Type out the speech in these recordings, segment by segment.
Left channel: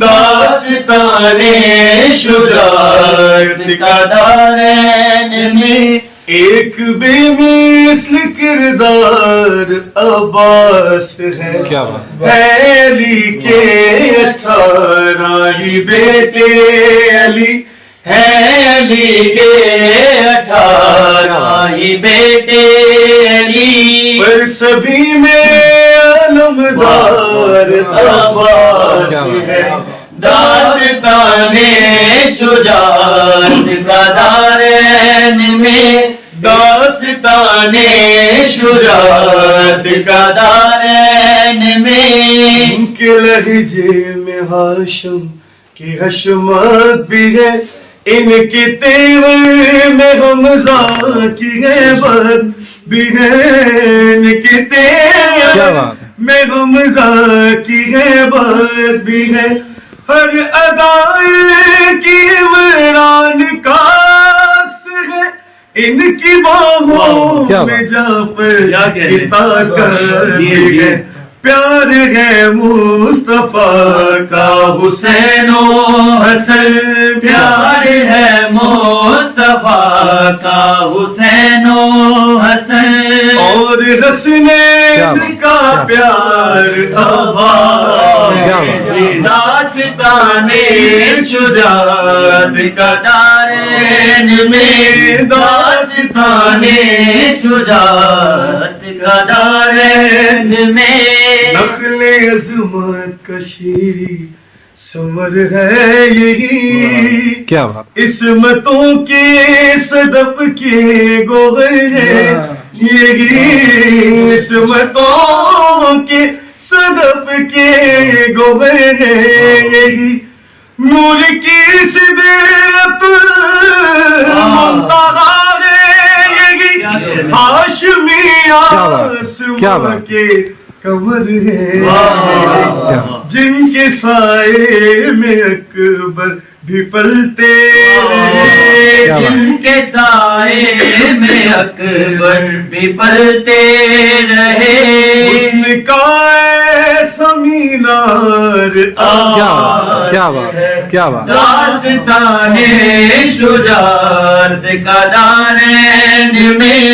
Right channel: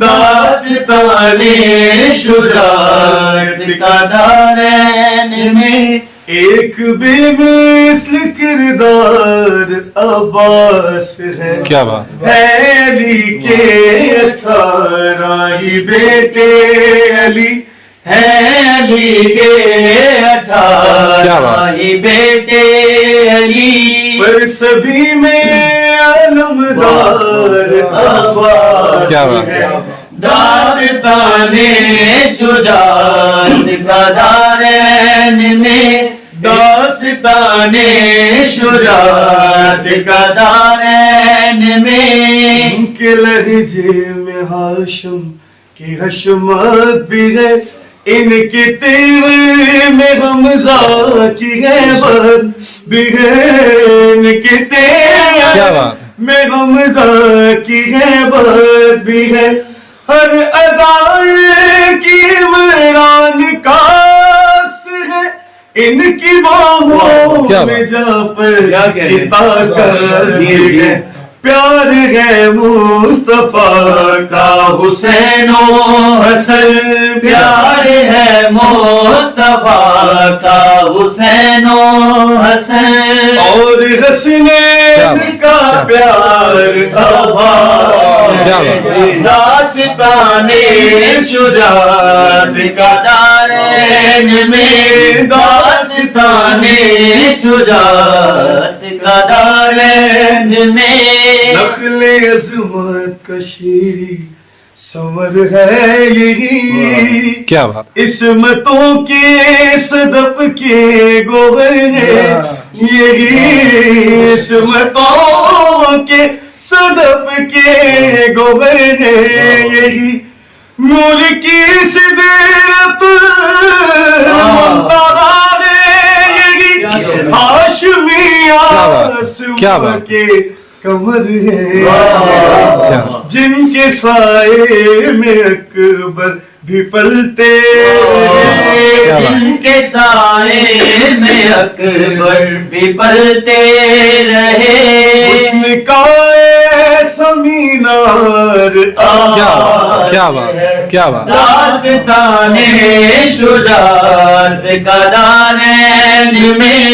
داستان شجاعت کا دارین میں ایک بے مثل کردار عباس ہے. کیا بات علی کے 18 ہی بیٹے علی ہے، علی کے 18 ہی بیٹے علی، پر سبھی میں علمدار عباس ہے. داستان شجاعت کا دارین میں، داستان شجاعت کا دارین میں، کے لہجے میں ہاشم کی حشمت بھی ہے، ان کے تیور میں حمزہ کی غیبت بھی ہے، ان کے تیور میں حمزہ کی غیبت بھی ہے، ہر ادائے کی عمران کا عکس ہے، ان کی باہوں میں جعفر کی طاقت بھی ہے. پیار ہے مصطفیٰ کا حسین و حسن، پیار ہے مصطفیٰ کا حسین و حسن، اور حسنین کا پیار عباس. داستان شجاعت کا دارین میں، داستان شجاعت کا دارین میں، نخل عظمت کا شیری سمر ہے یہی، کیا بات عصمتوں کے صدف کے گوہر ہے یہی، عصمتوں کے صدف کے گوہر ہے یہی، نور کی صدرت منتہا ہے یہی، ہاشمی آسمان کے کمر ہے جن کے سائے میں اکبر بھی پلتے رہے، جن کے سائے میں اکبر بھی پلتے رہے، حسن کا ایسا مینار آج ہے. داستان شجاعت کا دارین میں،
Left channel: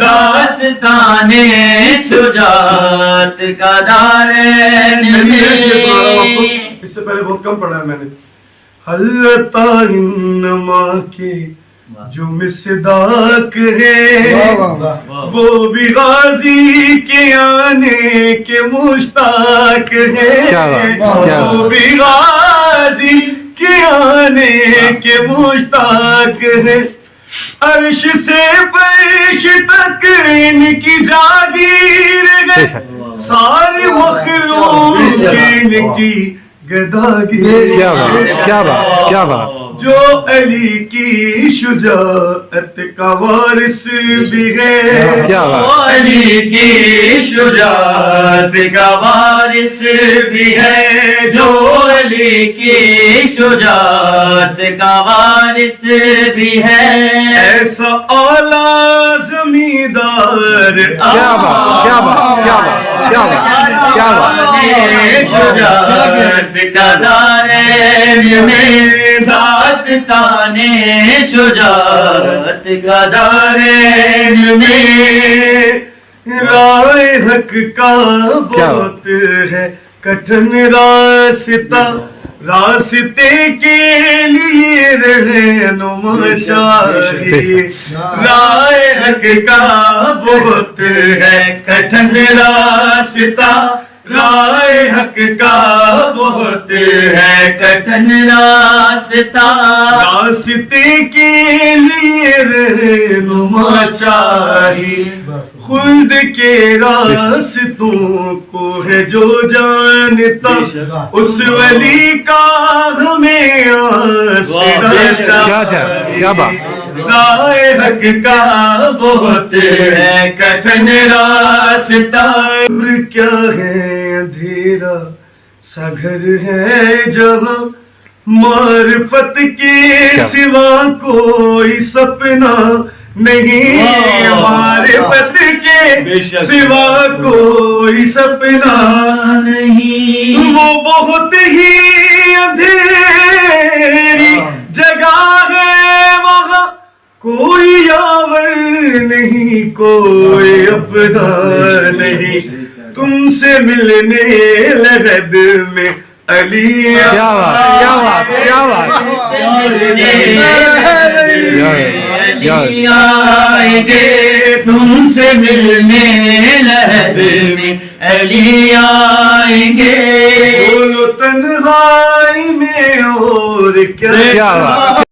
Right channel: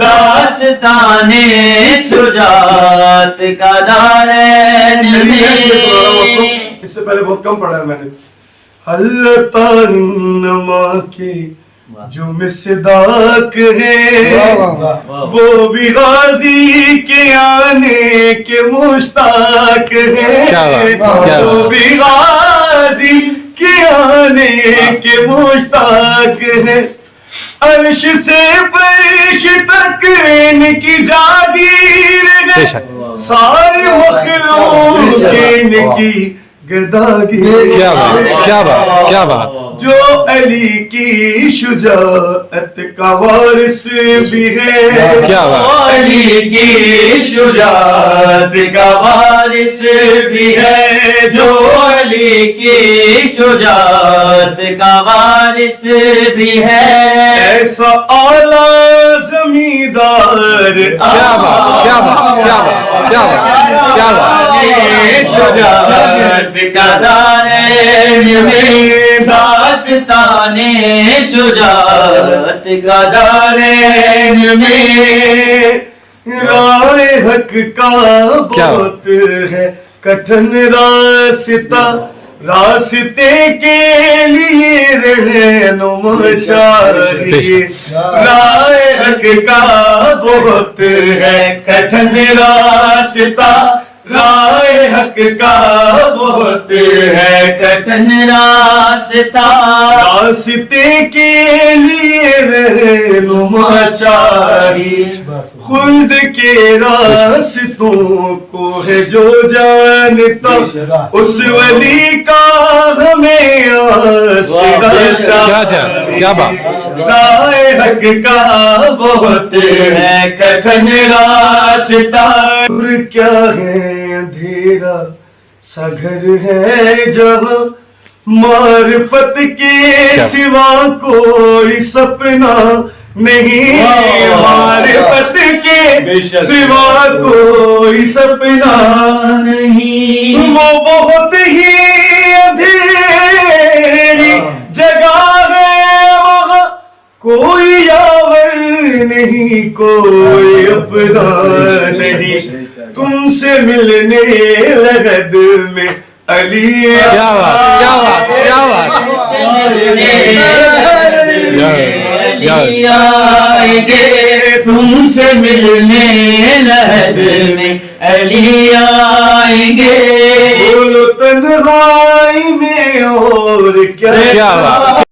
داستان شجاعت کا دارین میں. اس سے پہلے بہت کم پڑھا ہے میں نے. حلتانما کے جو مصداق ہے وہ بھی غازی کے آنے کے مشتاق ہے، وہ بھی غازی کے آنے کے مشتاق ہے. عرش سے فرش تک ان کی جاگیر ہے، ساری مخلوق ان کی گداگیر. کیا بات جو علی کی شجاعت کا وارث بھی ہے، علی کی شجاعت کا وارث بھی ہے، جو علی کی شجاعت کا وارث بھی ہے. ایسا اعلیٰ زمیندار شجاعت کا دارین میں، داستان شجاعت کا دارین میں، راہ حق کا بہت ہے کٹھن راستہ، راستے کے لیے رہنما چاہیے. راہ حق کا بہت ہے کٹھن راستہ، راہ حق کا بہت ہے کٹھن راستہ، راستے کے لیے رہنما چاہیے. خلد کے راستوں کو ہے جو جانتا، اس ولی کا ہمیں آسرا چاہیے. راہ حق کا بہت ہے کٹھن راستہ، کیا ہے اندھیرا سا گھر ہے جہاں معرفت کے سوا کوئی سپنا نہیں، معرفت کے سوا کوئی سپنا نہیں، وہ بہت ہی اندھیری جگہ ہے وہاں کوئی یاور نہیں کوئی اپنا نہیں تم سے ملنے لحد میں علی کیا بات کیا بات کیا بات آئیں گے تم سے ملنے لحد میں علی آئیں گے بولو تنہائی میں اور کیا کیا بات